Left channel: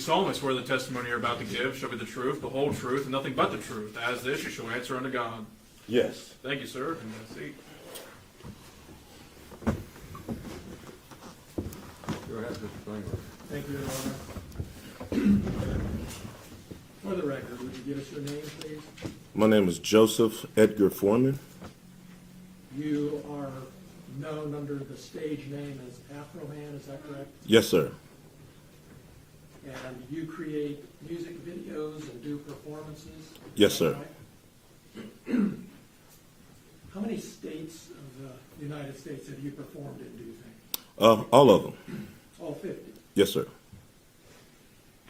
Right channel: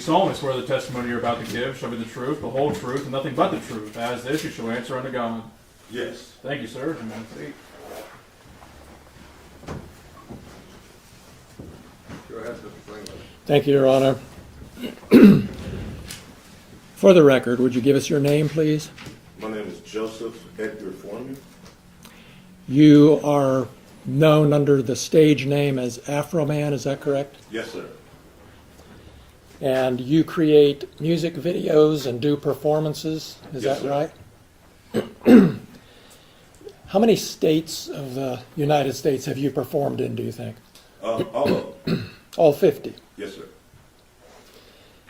solemnly swear the testimony you're about to give shall be the truth, the whole truth, and nothing but the truth. As this, you shall answer unto God. Yes. Thank you, sir. And have a seat. Go ahead, Mr. Franklin. Thank you, Your Honor. For the record, would you give us your name, please? My name is Joseph Edgar Foreman. You are known under the stage name as Afroman, is that correct? Yes, sir. And you create music videos and do performances, is Yes, that sir. right? How many states of the United States have you performed in, do you think? All of them. All 50. Yes, sir.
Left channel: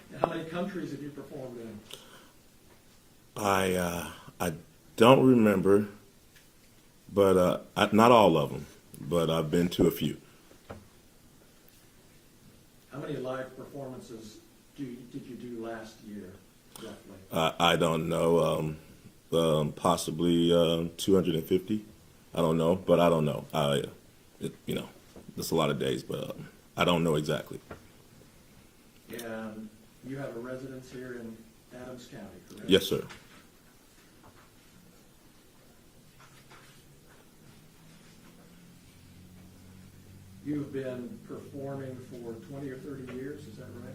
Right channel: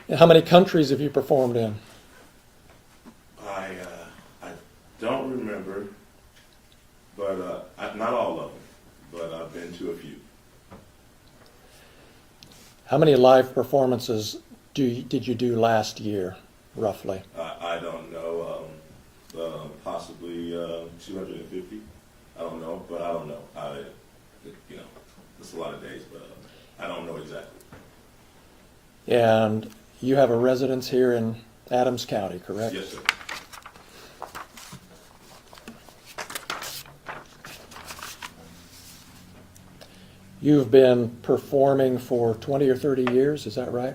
And how many countries have you performed in? I don't remember, but not all of them, but I've been to a few. How many live performances did you do last year, roughly? I don't know, possibly 250. I don't know, but I don't know. It's a lot of days, but I don't know exactly. And you have a residence here in Adams County, correct? Yes, sir. You've been performing for 20 or 30 years, is that right?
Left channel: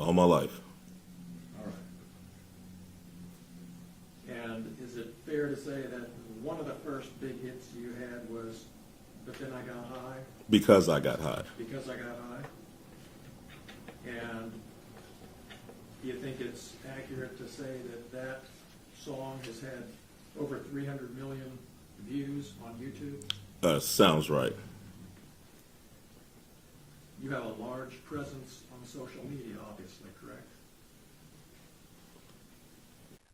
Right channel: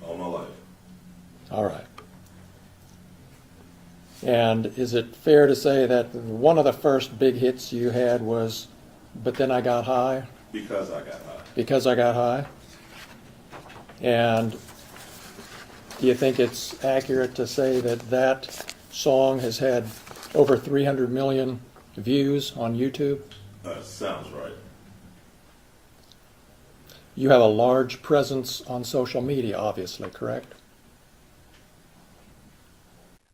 All my life. All right. And is it fair to say that one of the first big hits you had was But Then I Got High? Because I got high. Because I Got High? And do you think it's accurate to say that that song has had over 300 million views on YouTube? Sounds right. You have a large presence on social media, obviously, correct?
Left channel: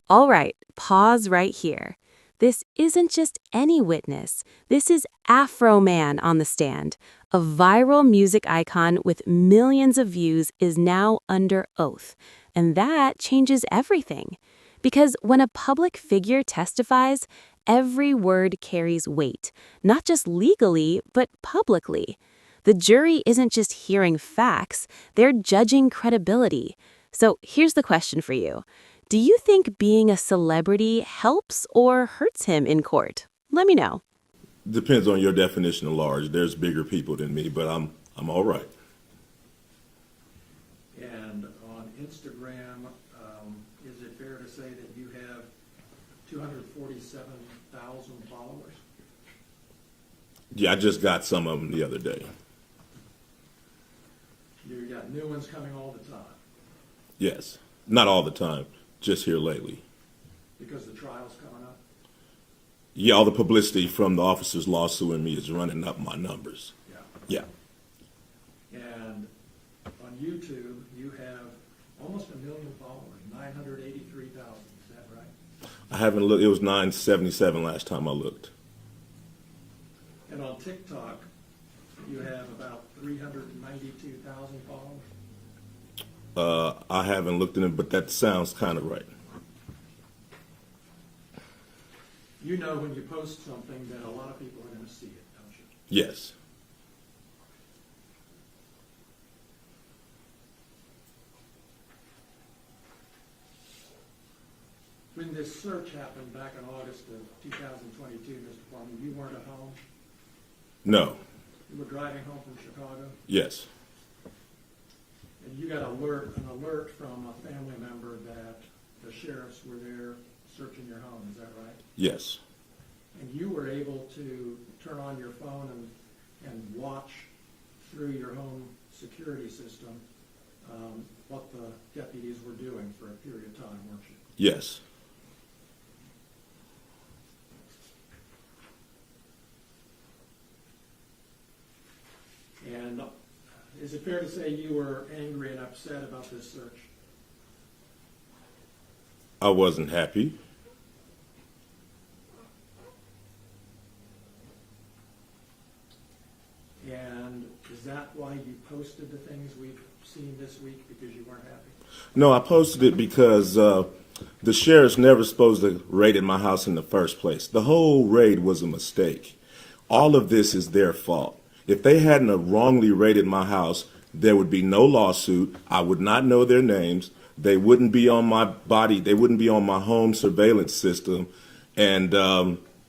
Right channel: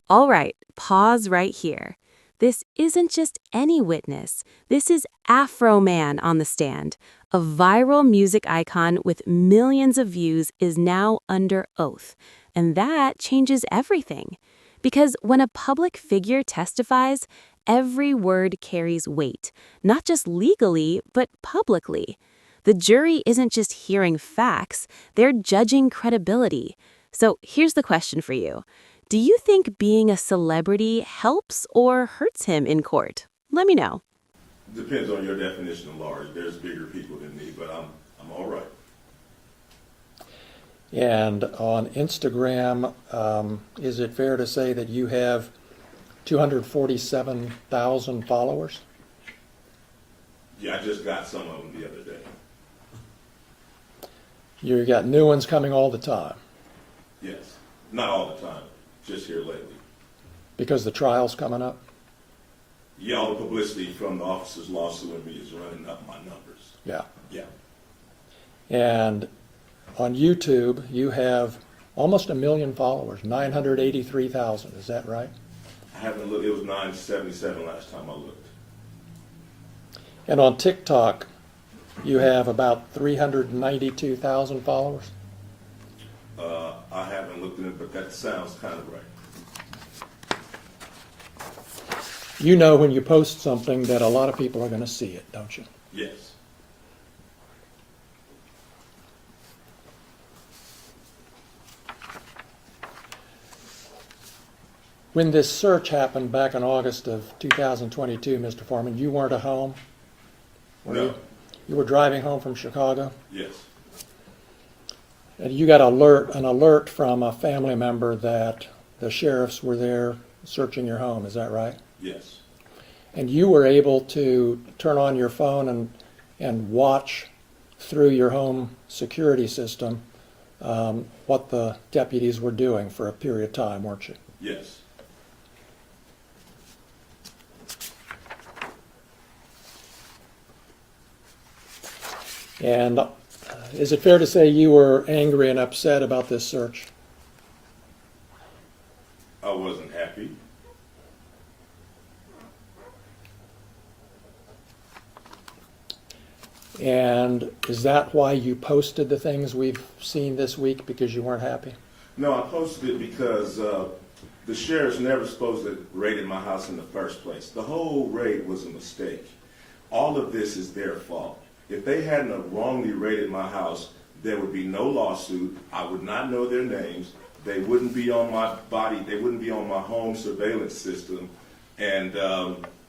All right, pause right here. This isn't just any witness. This is Afroman on the stand. A viral music icon with millions of views is now under oath. And that changes everything. Because when a public figure testifies, every word carries weight, not just legally, but publicly. The jury isn't just hearing facts, they're judging credibility. So here's the question for you. Do you think being a celebrity helps or hurts him in court? Let me know. Depends on your definition of large. There's bigger people than me, but I'm all right. And on Instagram, is it fair to say that you have 247,000 followers? Yeah, I just got some of them the other day. You got new ones coming all the time Yes. Not all the time, just here lately. because the trial's coming up. Yeah, all the publicity from the officers lawsuing me is running up my numbers. Yeah. Yeah. And on YouTube, you have almost 1 million followers, 983,000. Is that right? I haven't looked. It was 977 last time I looked. And on TikTok, you have about 392,000 followers. I haven't looked at it, but that sounds kind of right. You know when you post something that a lot of people are going to see it, don't you? Yes. When this search happened back in August of 2022, Mr. Foreman, you weren't at home? No. You were driving home from Chicago? Yes. And you got an alert from a family member that the sheriffs were there searching your home, is that right? Yes. And you were able to turn on your phone and watch through your home security system what the deputies were doing for a period of time, weren't you? Yes. And is it fair to say you were angry and upset about this search? I wasn't happy. And is that why you posted the things we've seen this week, because you weren't happy? No, I posted it because the sheriff's never supposed to raid my house in the first place. The whole raid was a mistake. All of this is their fault. If they hadn't have wrongly raided my house, There would be no lawsuit. I would not know their names. They wouldn't be on my body. They wouldn't be on my home surveillance system. And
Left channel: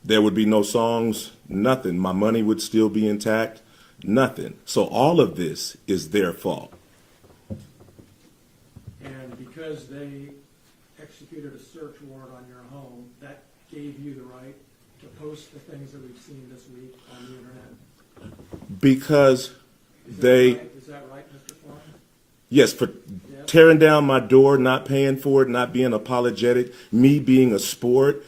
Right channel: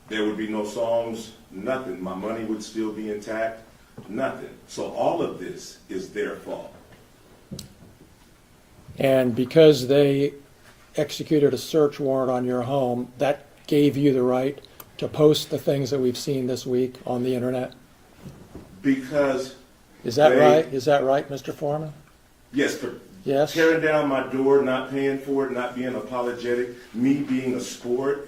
there would be no songs, nothing. My money would still be intact, nothing. So all of this is their fault. And because they executed a search warrant on your home, that gave you the right to post the things that we've seen this week on the internet? Because Is that they, right? Is that right, Mr. Foreman? Yes, for Yes. tearing down my door, not paying for it, not being apologetic, me being a sport,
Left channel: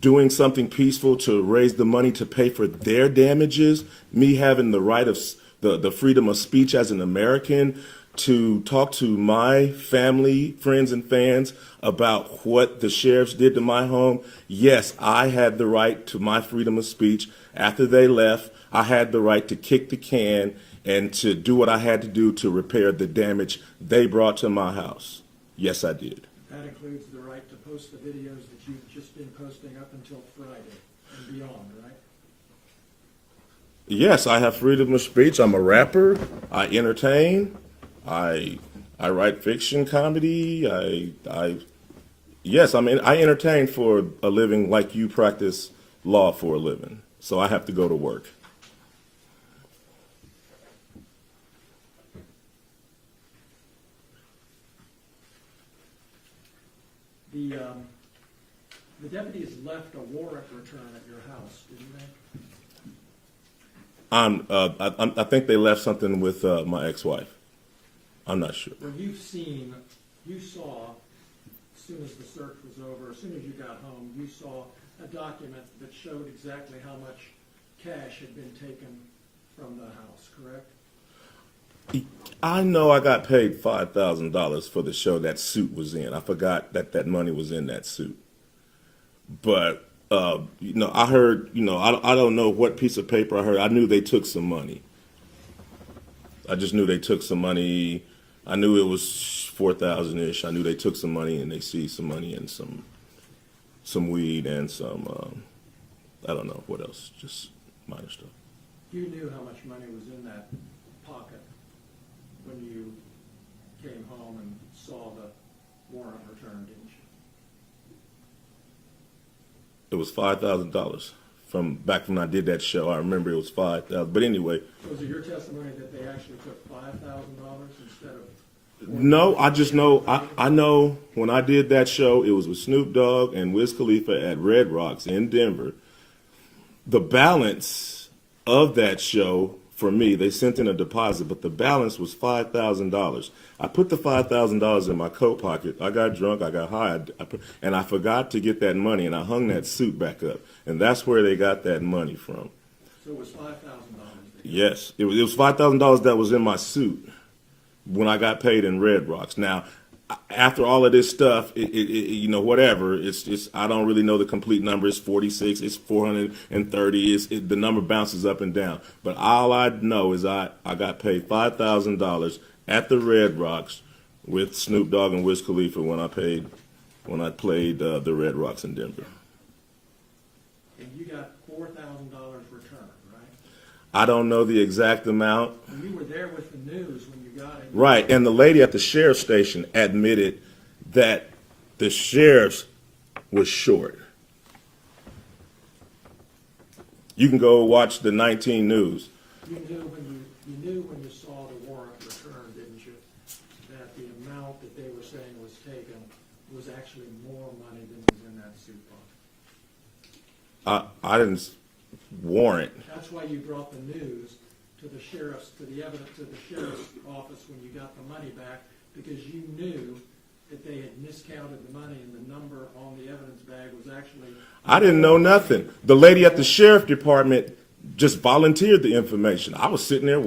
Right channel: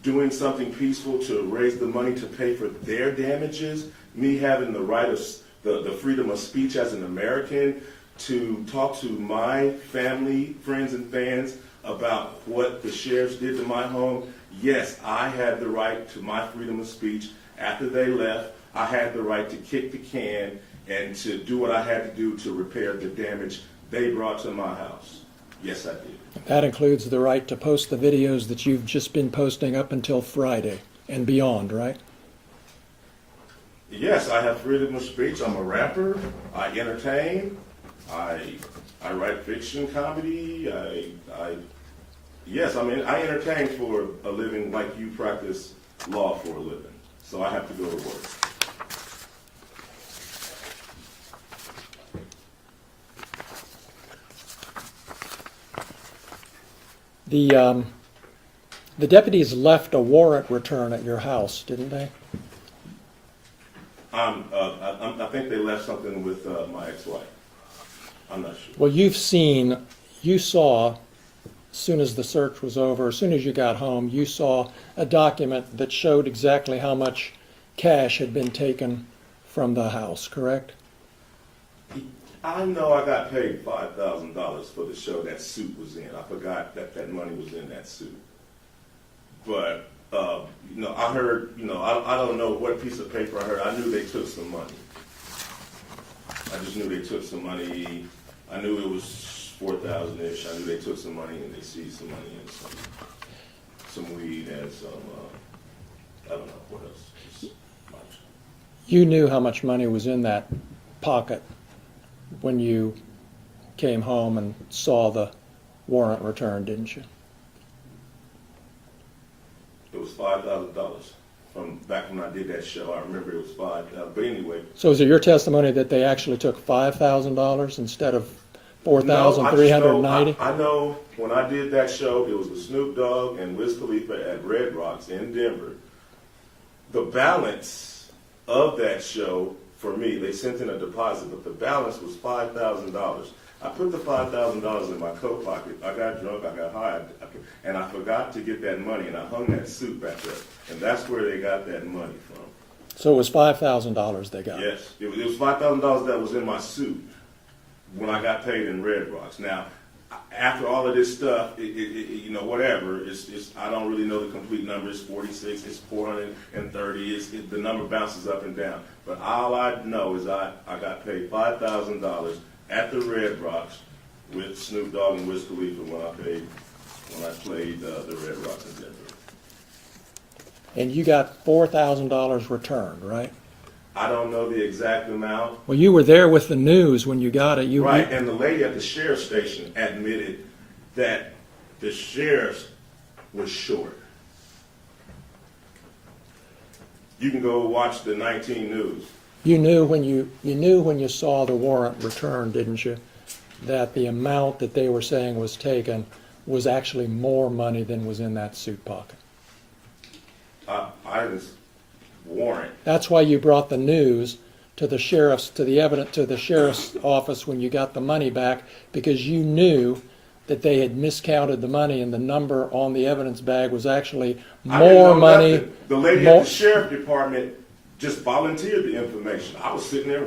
doing something peaceful to raise the money to pay for their damages, me having the right of the freedom of speech as an American to talk to my family, friends, and fans about what the sheriffs did to my home. Yes, I had the right to my freedom of speech. After they left, I had the right to kick the can and to do what I had to do to repair the damage they brought to my house. Yes, I did. That includes the right to post the videos that you've just been posting up until Friday and beyond, right? Yes, I have freedom of speech. I'm a rapper. I entertain. I write fiction, comedy. Yes, I mean, I entertain for a living like you practice law for a living. So I have to go to work. The deputies left a warrant return at your house, didn't they? I think they left something with my ex-wife. I'm not sure. Well, you saw, as soon as the search was over, as soon as you got home, you saw a document that showed exactly how much cash had been taken from the house, correct? I know I got paid $5,000 for the show that suit was in. I forgot that money was in that suit. But, I heard, I don't know what piece of paper I heard. I knew they took some money. I just knew they took some money. I knew it was 4,000-ish. I knew they took some money and they seized some money and some weed and some, I don't know what else, just minor stuff. You knew how much money was in that pocket when you came home and saw the warrant return, didn't you? It was $5,000 from back when I did that show. I remember it was $5,000. But anyway. So is it your testimony that they actually took $5,000 instead of No, I just know. $4,390? I know when I did that show, it was with Snoop Dogg and Wiz Khalifa at Red Rocks in Denver. The balance of that show, for me, they sent in a deposit, but the balance was $5,000. I put the $5,000 in my coat pocket. I got drunk, I got high, and I forgot to get that money, and I hung that suit back up. And that's where they got that money from. So it was $5,000 they got? Yes. It was $5,000 that was in my suit when I got paid in Red Rocks. Now, after all of this stuff, whatever, it's I don't really know the complete number. It's 46, it's 430, the number bounces up and down. But all I know is I got paid $5,000 at the Red Rocks with Snoop Dogg and Wiz Khalifa when I played the Red Rocks in Denver. And you got $4,000 returned, right? I don't know the exact amount. Well, you were there with the news when you got it. Right, and the lady at the sheriff's station admitted that the sheriff's was short. You can go watch the 19 News. You knew when you saw the warrant returned, didn't you, that the amount that they were saying was taken was actually more money than was in that suit pocket? I didn't warrant. That's why you brought the news to the sheriff's office when you got the money back, because you knew that they had miscounted the money and the number on the evidence bag was actually more I didn't know money. nothing. The lady at the sheriff department just volunteered the information. I was sitting there,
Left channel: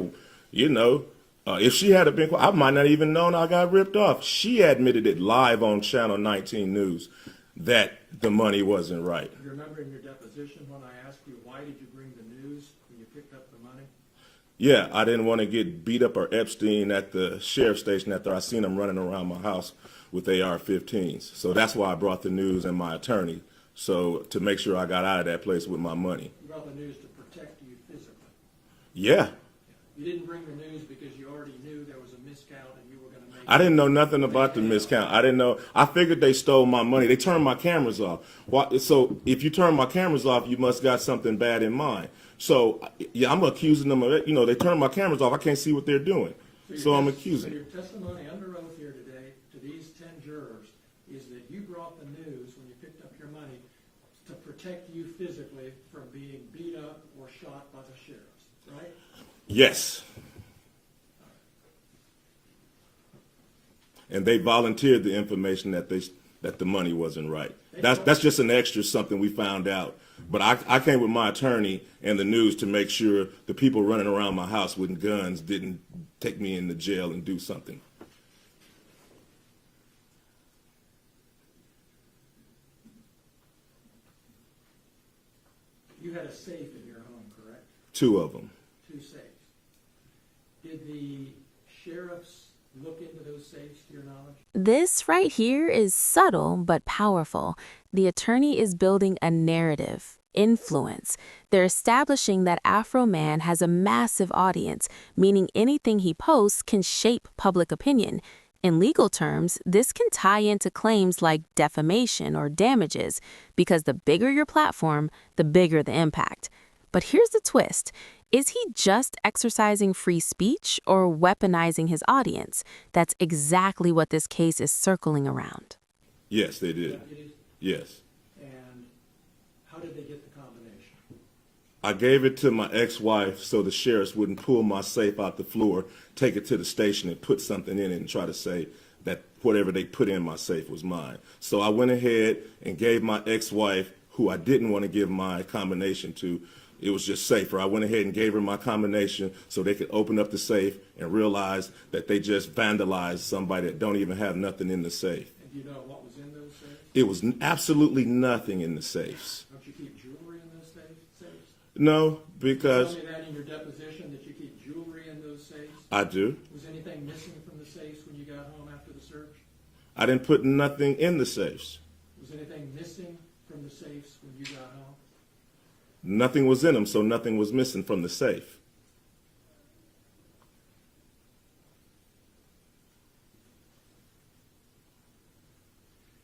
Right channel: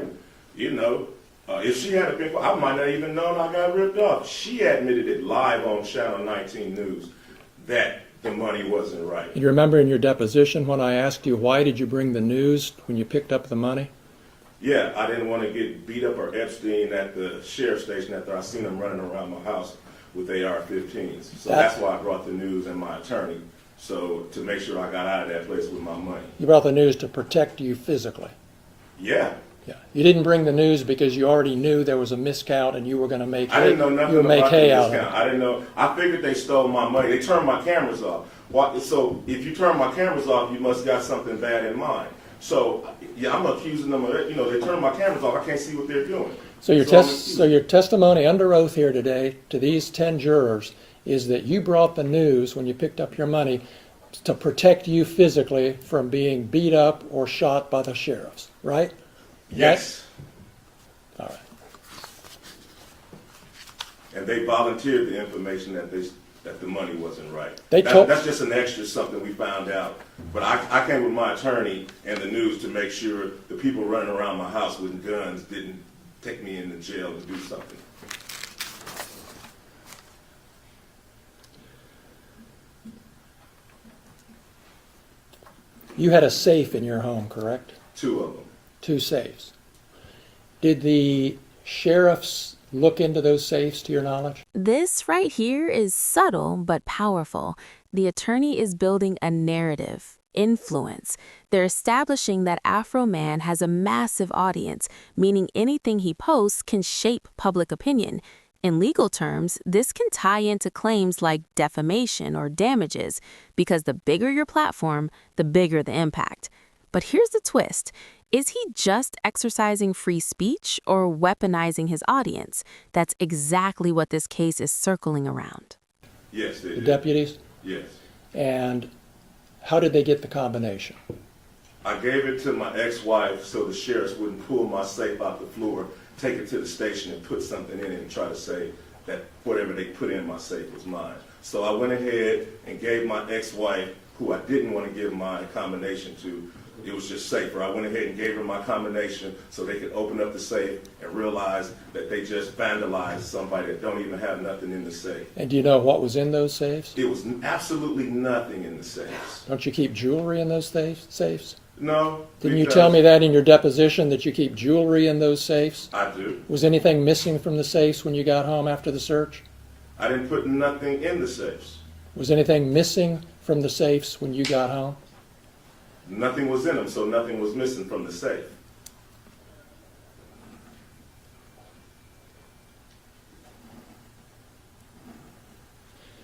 if she had been, I might not even known I got ripped off. She admitted it live on Channel 19 News that the money wasn't right. You remember in your deposition when I asked you, why did you bring the news when you picked up the money? Yeah, I didn't want to get beat up or Epstein at the sheriff's station after I seen him running around my house with AR-15s. So that's why I brought the news and my attorney. So to make sure I got out of that place with my money. You brought the news to protect you physically. Yeah, Yeah. You didn't bring the news because you already knew there was a miscount and you were going to make. I didn't know you nothing would make about the hay out of discount. it. I didn't know. I figured they stole my money. They turned my cameras off. So if you turn my cameras off, you must got something bad in mind. So yeah, I'm accusing them of it. You know, they turned my cameras off. I can't see what they're doing. So your, I'm accusing. so your testimony under oath here today to these 10 jurors is that you brought the news when you picked up your money to protect you physically from being beat up or shot by the sheriffs, right? Yes. All right. And they volunteered the information that the money wasn't right. That's just an extra something we found out. But I came with my attorney and the news to make sure the people running around my house with guns didn't take me into jail and do something. You had a safe in your home, correct? 2 of them. 2 safes. Did the sheriffs look into those safes, to your knowledge? This right here is subtle but powerful. The attorney is building a narrative, influence. They're establishing that Afroman has a massive audience, meaning anything he posts can shape public opinion. In legal terms, this can tie into claims like defamation or damages, because the bigger your platform, the bigger the impact. But here's the twist. Is he just exercising free speech or weaponizing his audience? That's exactly what this case is circling around. Yes, they The did. deputies? Yes. And how did they get the combination? I gave it to my ex-wife so the sheriffs wouldn't pull my safe out the floor, take it to the station and put something in it and try to say that whatever they put in my safe was mine. So I went ahead and gave my ex-wife, who I didn't want to give my combination to, it was just safer. I went ahead and gave her my combination so they could open up the safe and realize that they just vandalized somebody that don't even have nothing in the safe. And do you know what was in those safes? It was absolutely nothing in the safes. Don't you keep jewelry in those safes? No, Didn't you because tell me that in your deposition, that you keep jewelry in those safes? I do. Was anything missing from the safes when you got home after the search? I didn't put nothing in the safes. Was anything missing from the safes when you got home? Nothing was in them, so nothing was missing from the safe.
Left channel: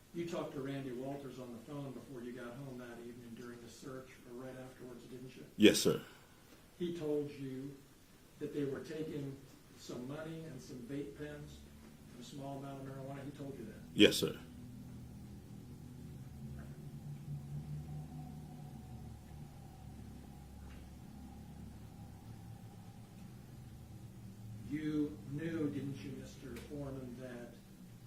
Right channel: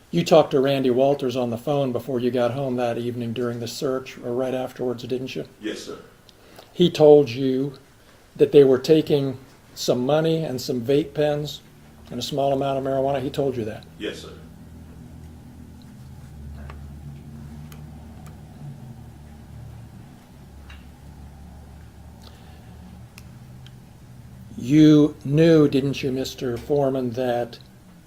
You talked to Randy Walters on the phone before you got home that evening during the search, or right afterwards, didn't you? Yes, sir. He told you that they were taking some money and some vape pens and a small amount of marijuana. He told you that. Yes, sir. You knew, didn't you, Mr. Foreman, that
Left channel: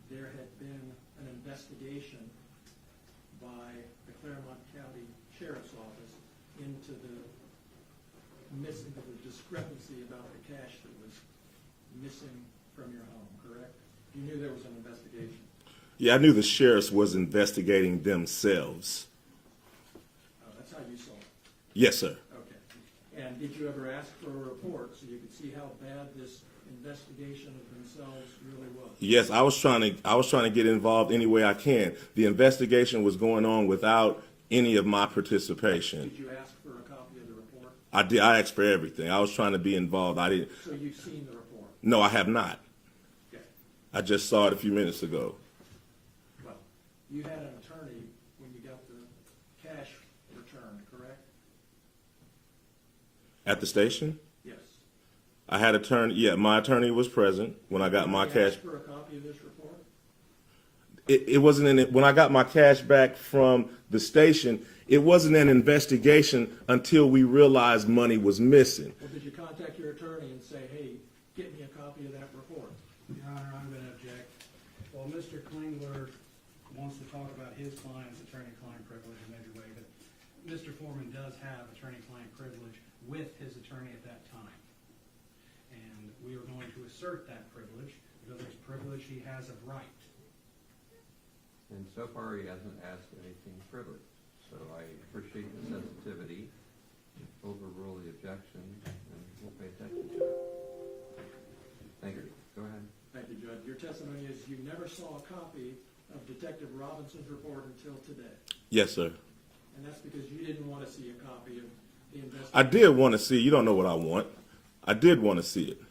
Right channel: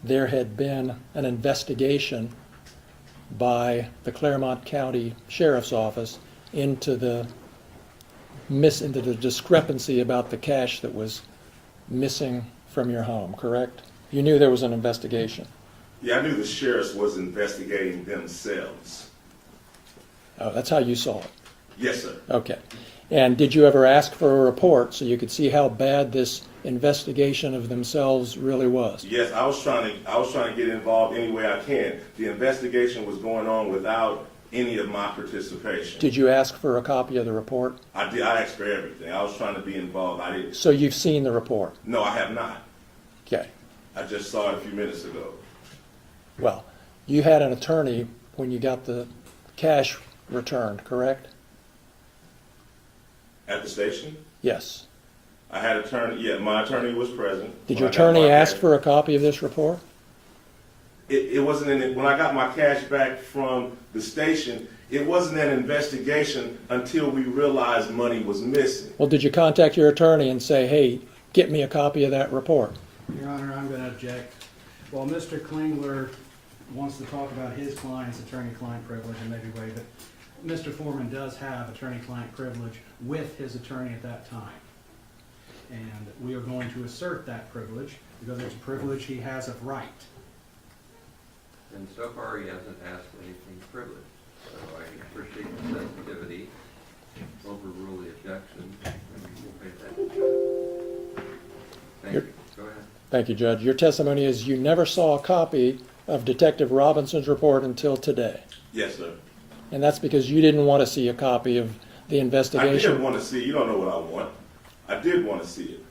there had been an investigation by the Claremont County Sheriff's Office into the discrepancy about the cash that was missing from your home, correct? You knew there was an investigation. Yeah, I knew the sheriffs was investigating themselves. Oh, that's how you saw it. Yes, sir. Okay. And did you ever ask for a report so you could see how bad this investigation of themselves really was? Yes, I was trying to get involved any way I can. The investigation was going on without any of my participation. Did you ask for a copy of the report? I did. I asked for everything. I was trying to be involved. I didn't. So you've seen the report? No, I have not. Okay. I just saw it a few minutes ago. Well, you had an attorney when you got the cash returned, correct? At the station? Yes. I had attorney. Yeah, my attorney was present. Did when your I got my attorney ask cash. for a copy of this report? It wasn't in it. When I got my cash back from the station, it wasn't an investigation until we realized money was missing. Well, did you contact your attorney and say, hey, get me a copy of that report? Your Honor, I'm going to object. While Mr. Klingler wants to talk about his client's attorney-client privilege and maybe waive it, Mr. Foreman does have attorney-client privilege with his attorney at that time. And we are going to assert that privilege because it's a privilege he has of right. And so far, he hasn't asked anything privileged. So I appreciate the sensitivity, overrule the objection, and we'll pay attention to it. Thank you. Go ahead. Thank you, Judge. Your testimony is you never saw a copy of Detective Robinson's report until today. Yes, sir. And that's because you didn't want to see a copy of the I investigation. did want to see. You don't know what I want. I did want to see it.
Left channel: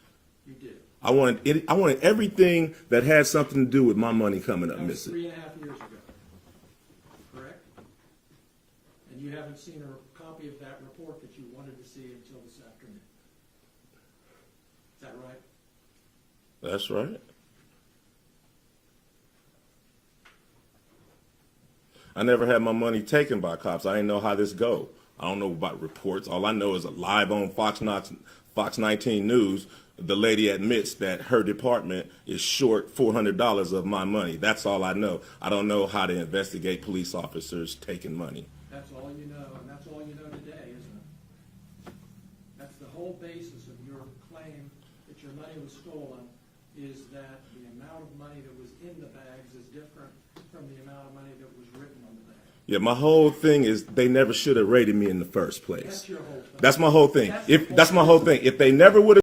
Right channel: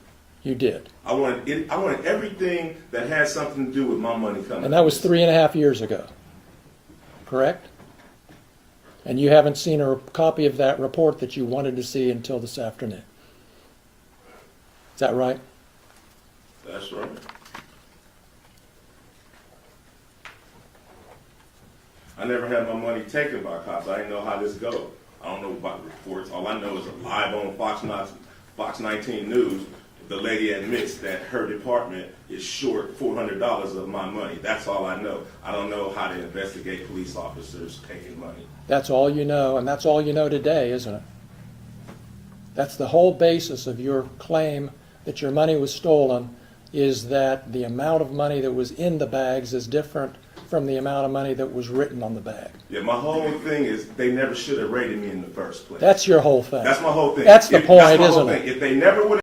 You did. I wanted everything that had something to do with my money coming. And that was 3.5 years ago, correct? And you haven't seen a copy of that report that you wanted to see until this afternoon. Is that right? That's right. I never had my money taken by cops. I didn't know how this go. I don't know about reports. All I know is live on Fox 19 News, the lady admits that her department is short $400 of my money. That's all I know. I don't know how to investigate police officers taking money. That's all you know, and that's all you know today, isn't it? That's the whole basis of your claim that your money was stolen, is that the amount of money that was in the bags is different from the amount of money that was written on the bag. Yeah, my whole thing is they never should have raided me in the first place. That's your whole thing. That's my whole thing. That's the point, That's my whole isn't thing. it? If they never would have